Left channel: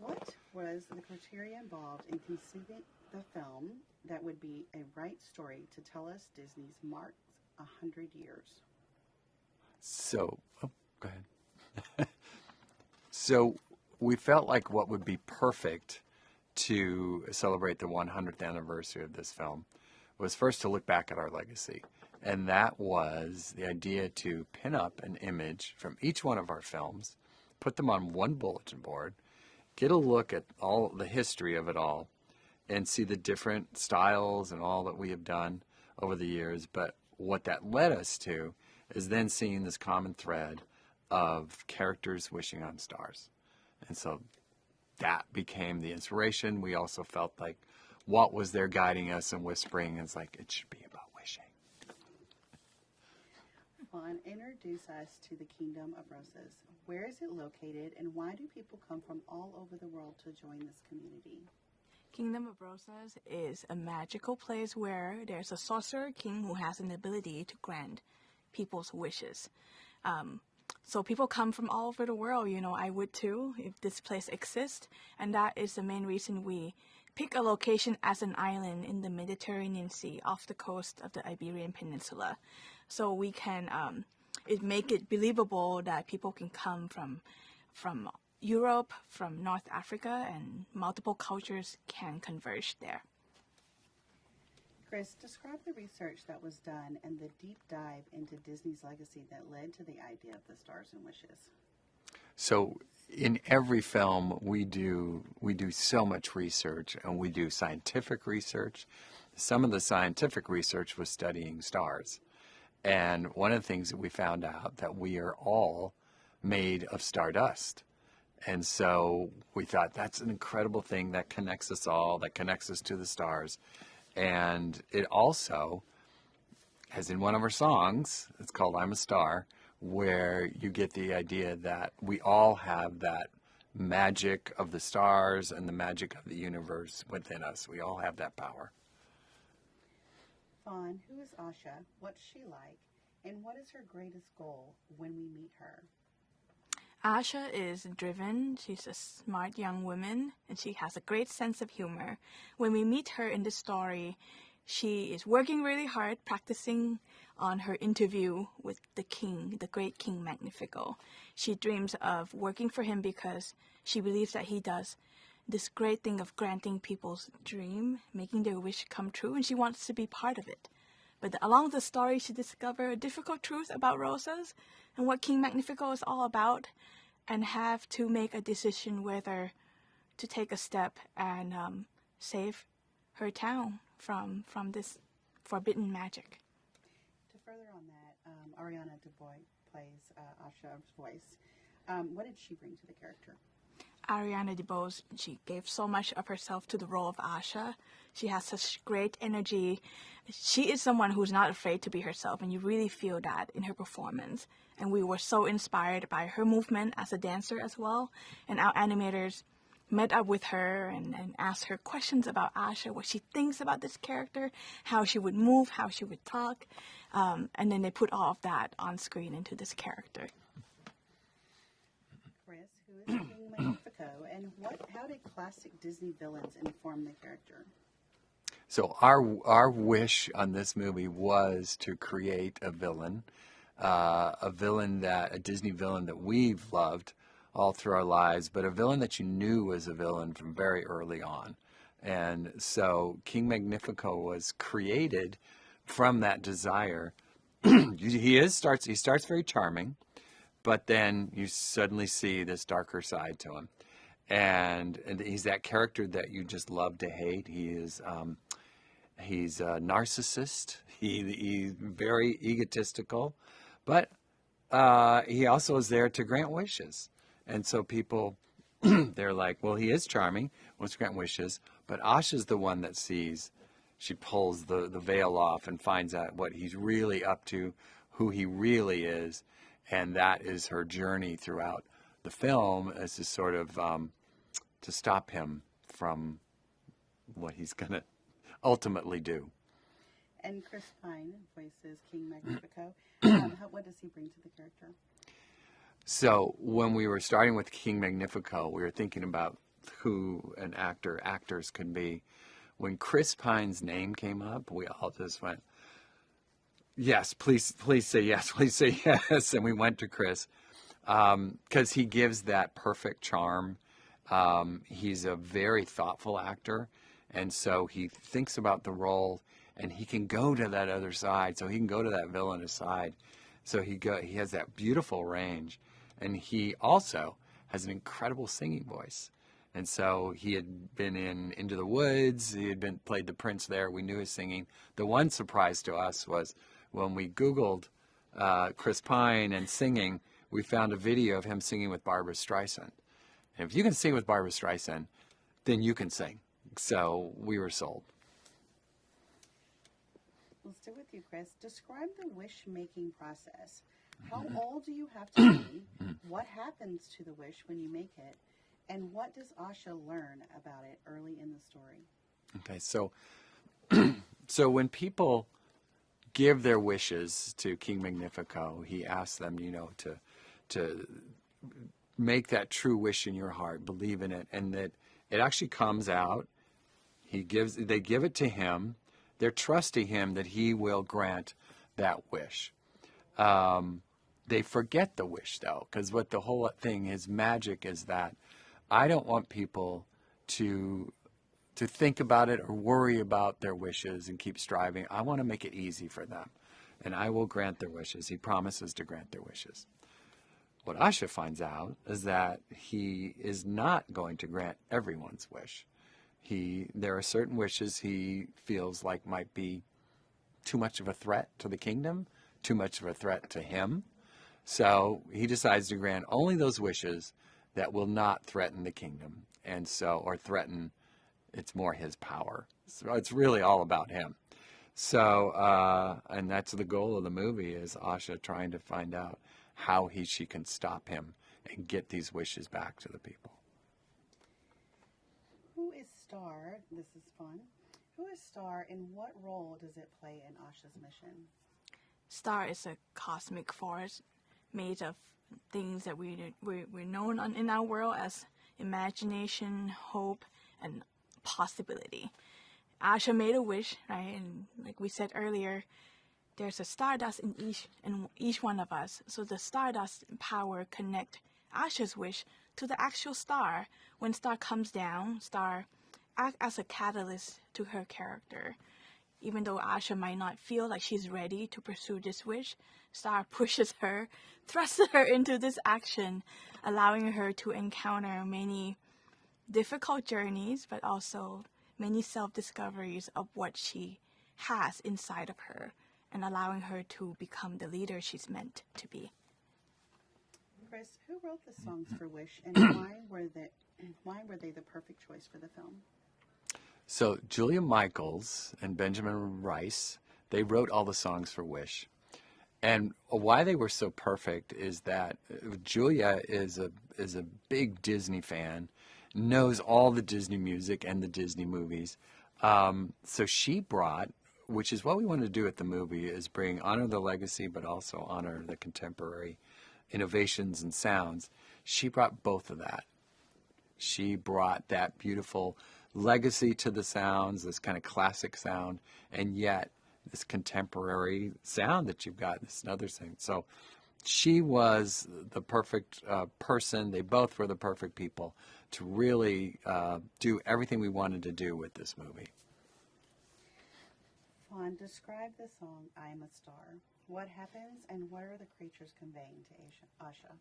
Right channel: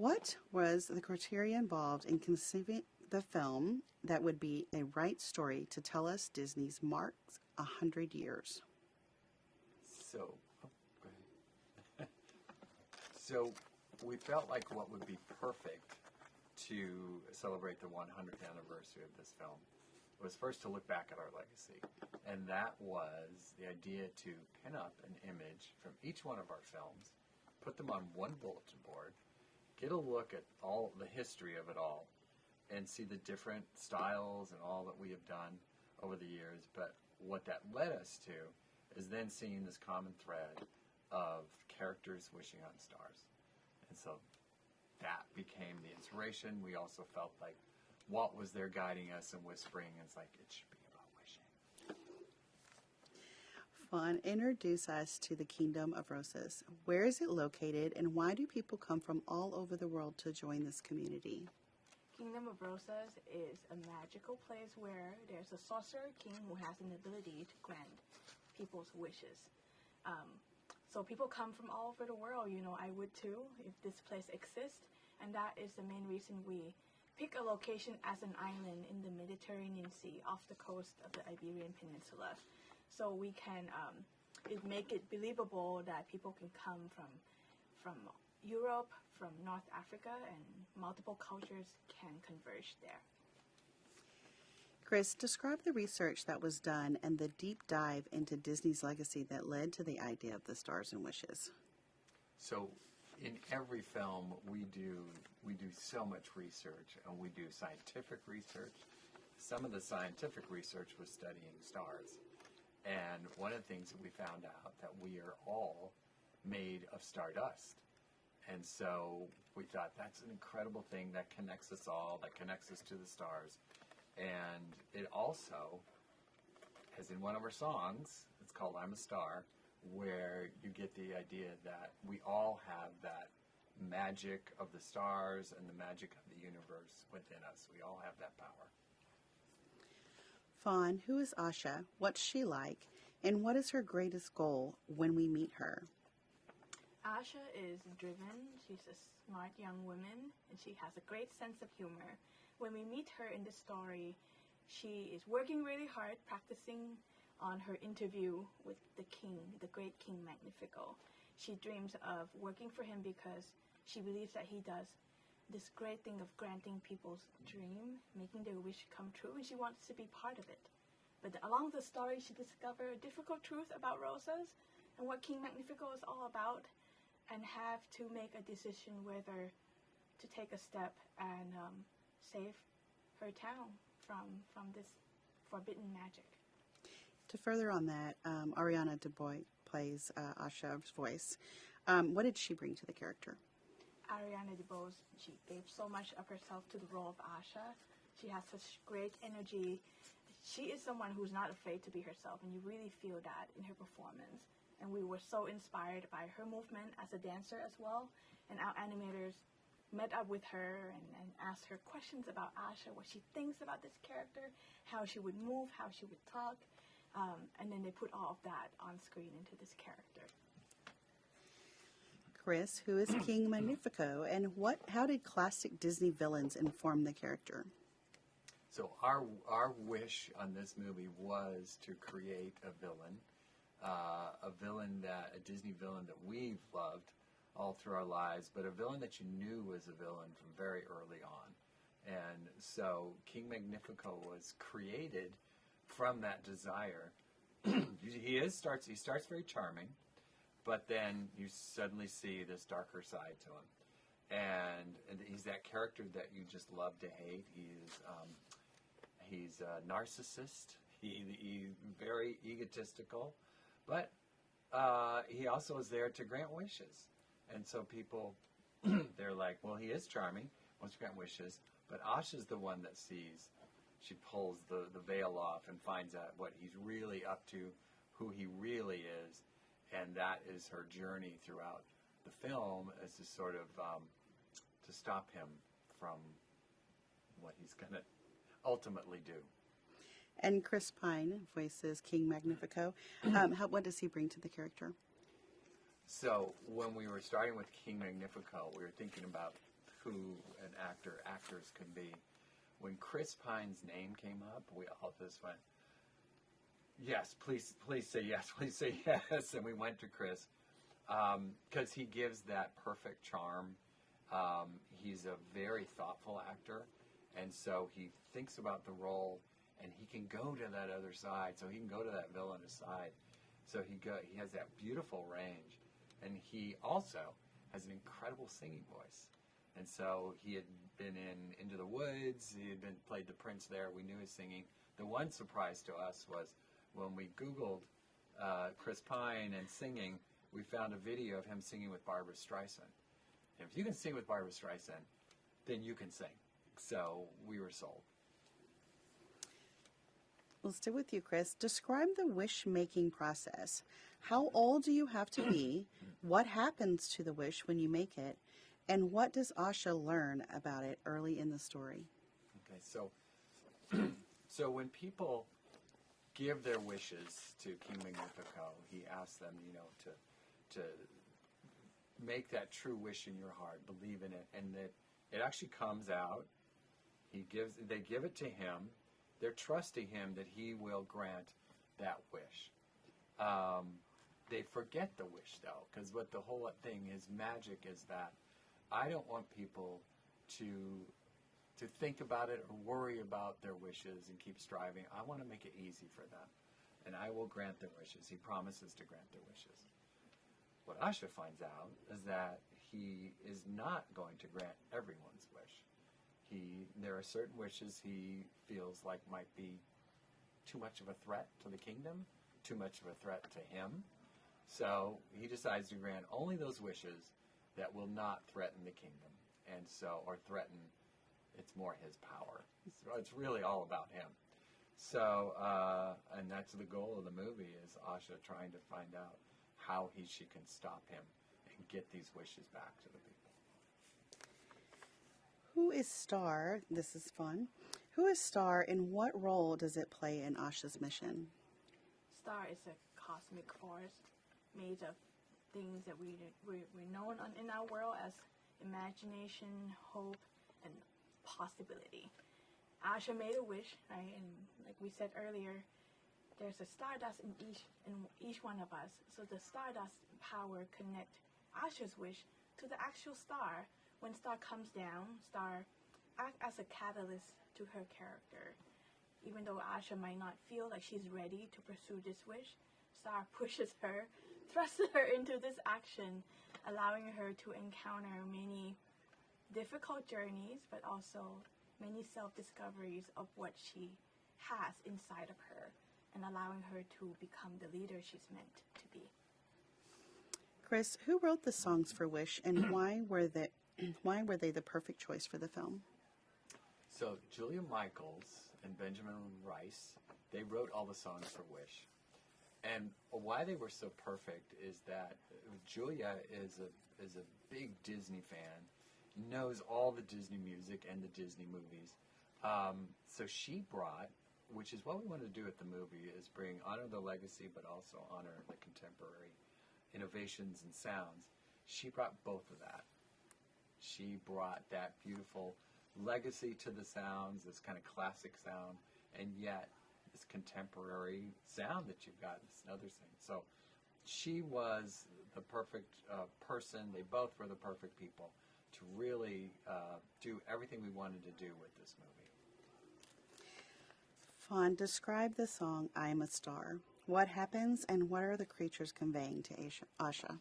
What was the criteria involved in conceiving the film that would be a right story to tell us Disney's marks 100 years? So, oh, go ahead. So we felt like what would be perfect to celebrate the 100th anniversary of this film was first to look back at our legacy. And that was the idea to pin up an image from each one of our films, put them on one bulletin board, get a look at all the history of it all, and see the different styles and all that we have done over the years. But what that led us to is then seeing this common thread of characters wishing on stars. And so that became the inspiration. We also felt like what was there guiding us and whispering is like, it should be about wishing. Fawn, introduce us to the Kingdom of Roses. Where is it located, and why do people come from all over the world to join this community? Kingdom of Roses is a magical place where there's a sorcerer king who has an ability to grant people's wishes. So people come from all over the world. You know, I would too if this place exists, and that is the main reason we pick a location as an island in the Mediterranean Sea off the coast of the Iberian Peninsula. So we can make it believable that people can come from Europe, from North Africa, and multiple cultures can converge there. Chris, describe the research that was done and the deep dive into Disney's legacy that led to the idea of the Stars and Wishes. So in every film, we do so much research, and we do scientific research. Some of the scientific research was studying stars. And one of the things that we found out that we are all made of stardust. And so we thought that's an incredible thing that connects us all, that connects us to the stars. And it also, as in one of our songs, it's called I'm a Star, where you get the idea that we all have that magic of the stars and the magic of the universe within us. We all have that power. Fawn, who is Asha? What's she like? And what is her greatest goal when we meet her? Asha is driven. She's a smart young woman, and she has a great sense of humor. When we meet her in the story, she is working really hard, practicing on her interview with the king, the great King Magnifico. She dreams of working for him because she believes that he does this great thing of granting people's dream, making their wish come true, and she wants to be part of it. But along the story, she discovers a difficult truth about roses and what King Magnifico is all about, and have to make a decision whether to take a step and save her town from this forbidden magic. To further on that, Ariana DeBoy plays Asha's voice. What did she bring to the character? Ariana DeBose, she gave so much of herself to the role of Asha. She has such great energy. She is someone who's not afraid to be herself, and you really feel that in her performance. And we were so inspired by her movement as a dancer as well. And our animators met up with her and asked her questions about Asha, what she thinks about this character, how she would move, how she would talk. And then they put all of that on screen into this character. Chris, who is King Magnifico, and how did classic Disney villains inform the character? So our wish on this movie was to create a Disney villain that we've loved all through our lives, but a villain that you knew was a villain from very early on. And so King Magnifico was created from that desire. He starts very charming, but then you suddenly see this darker side to him. And he's that character that you just love to hate. He's a narcissist. He's very egotistical, but he also is there to grant wishes. And so people, they're like, well, he is charming, wants to grant wishes, but Asha's the one that sees. She pulls the veil off and finds out what he's really up to, who he really is, and that is her journey throughout the film, as to sort of to stop him from what he's going to ultimately do. And Chris Pine voices King Magnifico. What does he bring to the character? So when we were starting with King Magnifico, we were thinking about who an actors can be. When Chris Pine's name came up, we all just went, yes, please say yes, please say yes. And we went to Chris because he gives that perfect charm. He's a very thoughtful actor, and so he thinks about the role, and he can go to that other side. So he can go to that villainous side. So he has that beautiful range, and he also has an incredible singing voice. And so he had been in Into the Woods. He had played the prince there. We knew his singing. The one surprise to us was when we Googled Chris Pine and singing, we found a video of him singing with Barbra Streisand. And if you can sing with Barbra Streisand, then you can sing. So we were sold. We'll stay with you, Chris. Describe the wish-making process. How old do you have to be? What happens to the wish when you make it? And what does Asha learn about it early in the story? Okay, so so when people give their wishes to King Magnifico, he asks them, to make that true wish in your heart, believe in it, and that it actually comes out. They give it to him. They're trusting him that he will grant that wish. They forget the wish, though, because what the whole thing is magic is that I don't want people to think about it or worry about their wishes and keep striving. I want to make it easy for them, and I will grant their wishes. He promises to grant their wishes. What Asha finds out is that he is not going to grant everyone's wish. There are certain wishes he feels like might be too much of a threat to the kingdom, too much of a threat to him. So he decides to grant only those wishes that will not threaten the kingdom, or threaten, it's more his power. So it's really all about him. So, and that's the goal of the movie, is Asha trying to find out how she can stop him and get these wishes back to the people. Who is Star? This is fun. Who is Star, and what role does it play in Asha's mission? Star is a cosmic force made of things that we're known in our world as imagination, hope, and possibility. Asha made a wish, right? And like we said earlier, there's a stardust in each one of us. So the stardust power connect Asha's wish to the actual star. When Star comes down, Star acts as a catalyst to her character. Even though Asha might not feel like she's ready to pursue this wish, Star pushes her, thrusts her into this action, allowing her to encounter many difficult journeys, but also many self-discoveries of what she has inside of her, and allowing her to become the leader she's meant to be. Chris, who wrote the songs for Wish, and why were they the perfect choice for the film? So Julia Michaels and Benjamin Rice, they wrote all the songs for Wish. And why they were so perfect is that Julia is a big Disney fan, knows all the Disney music and the Disney movies. So she brought, which is what we want to do at the movie, is honor the legacy, but also honor the contemporary innovations and sounds. She brought both of that. She brought that beautiful legacy to the sounds, this kind of classic sound, and yet this contemporary sound that you've got, this other thing. So she was the perfect person. They both were the perfect people to really do everything we wanted to do with this movie. Fawn, describe the song I'm a Star. What happens, and what are the creatures conveying to Asha?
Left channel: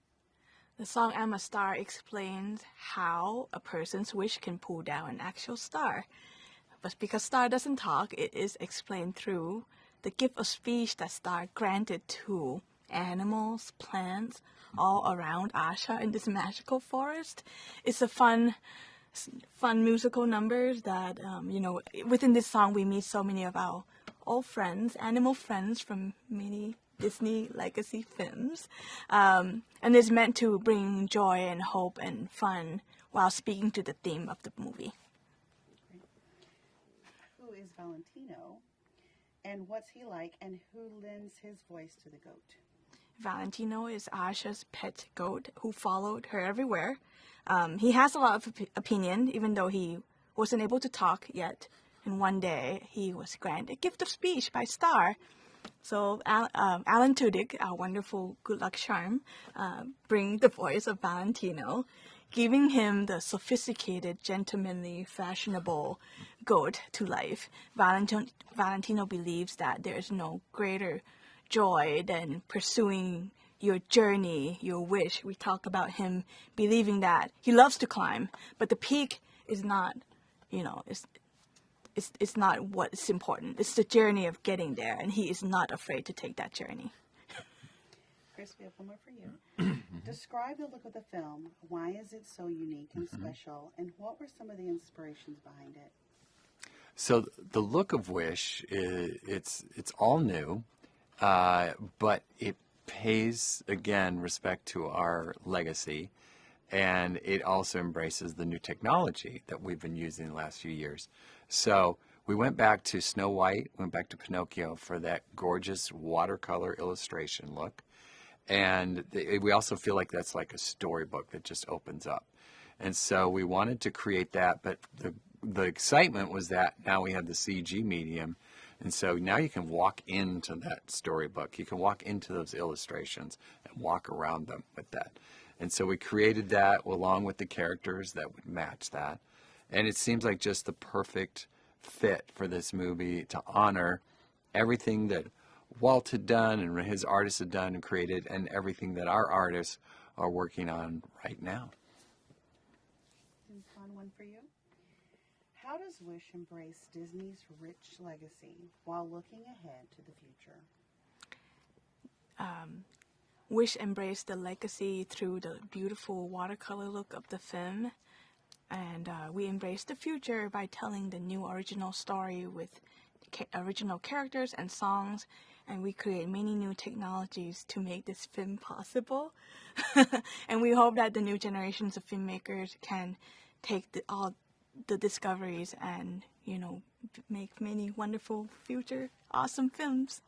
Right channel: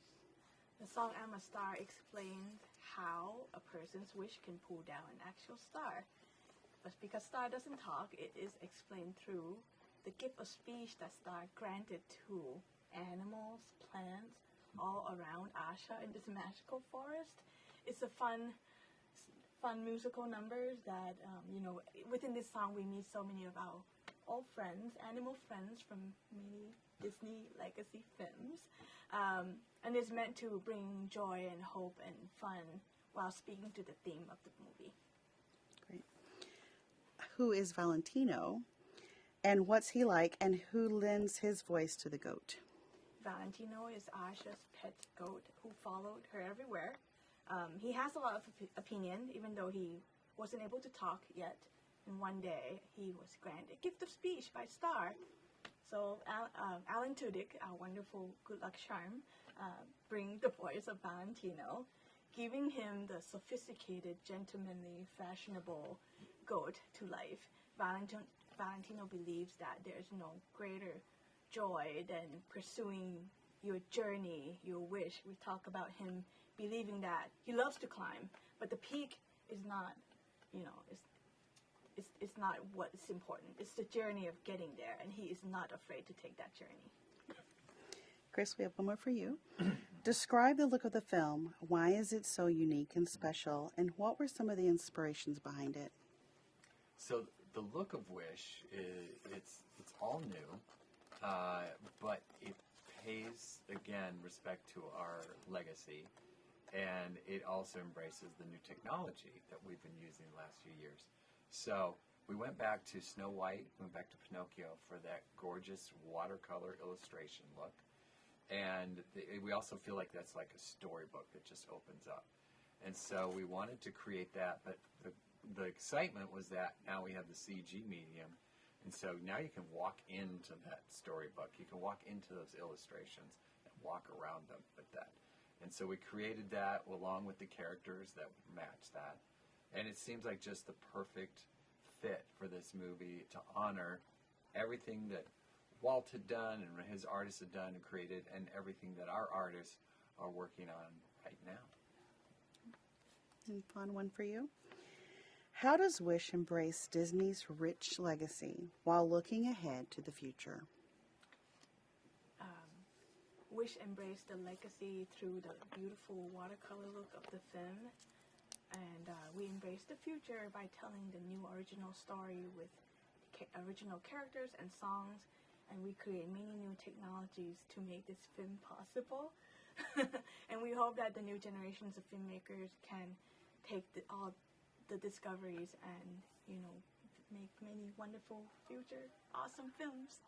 The song I'm a Star explains how a person's wish can pull down an actual star. But because Star doesn't talk, it is explained through the gift of speech that Star granted to animals, plants, all around Asha in this magical forest. It's a fun musical number that, within this song we meet so many of our old friends, animal friends from many Disney legacy films. And it's meant to bring joy and hope and fun while speaking to the theme of the movie. Great. Who is Valentino, and what's he like, and who lends his voice to the goat? Valentino is Asha's pet goat who followed her everywhere. He has a lot of opinion, even though he wasn't able to talk yet. And one day, he was granted a gift of speech by Star. So Alan Tudyk, our wonderful good luck charm, bring the voice of Valentino, giving him the sophisticated, gentlemanly, fashionable goat to life. Valentino believes that there is no greater joy than pursuing your journey, your wish. We talk about him believing that he loves to climb, but the peak is not, it's not what's important. It's the journey of getting there, and he is not afraid to take that journey. Chris, we have one more for you. Describe the look of the film. Why is it so unique and special? And what were some of the inspirations behind it? So the look of Wish, it's all new, but it pays, again, respect to our legacy, and it also embraces the new technology that we've been using the last few years. So we went back to Snow White, went back to Pinocchio for that gorgeous watercolor illustration look. And we also feel like that's like a storybook that just opens up. And so we wanted to create that, but the excitement was that now we have the CG medium. And so now you can walk into that storybook. You can walk into those illustrations and walk around them with that. And so we created that along with the characters that would match that. And it seems like just the perfect fit for this movie to honor everything that Walt had done and his artists had done and created, and everything that our artists are working on right now. And Fawn, one for you. How does Wish embrace Disney's rich legacy while looking ahead to the future? Wish embraced the legacy through the beautiful watercolor look of the film, and we embrace the future by telling the new original story with original characters and songs, and we create many new technologies to make this film possible. And we hope that the new generations of filmmakers can take all the discoveries and, make many wonderful future awesome films.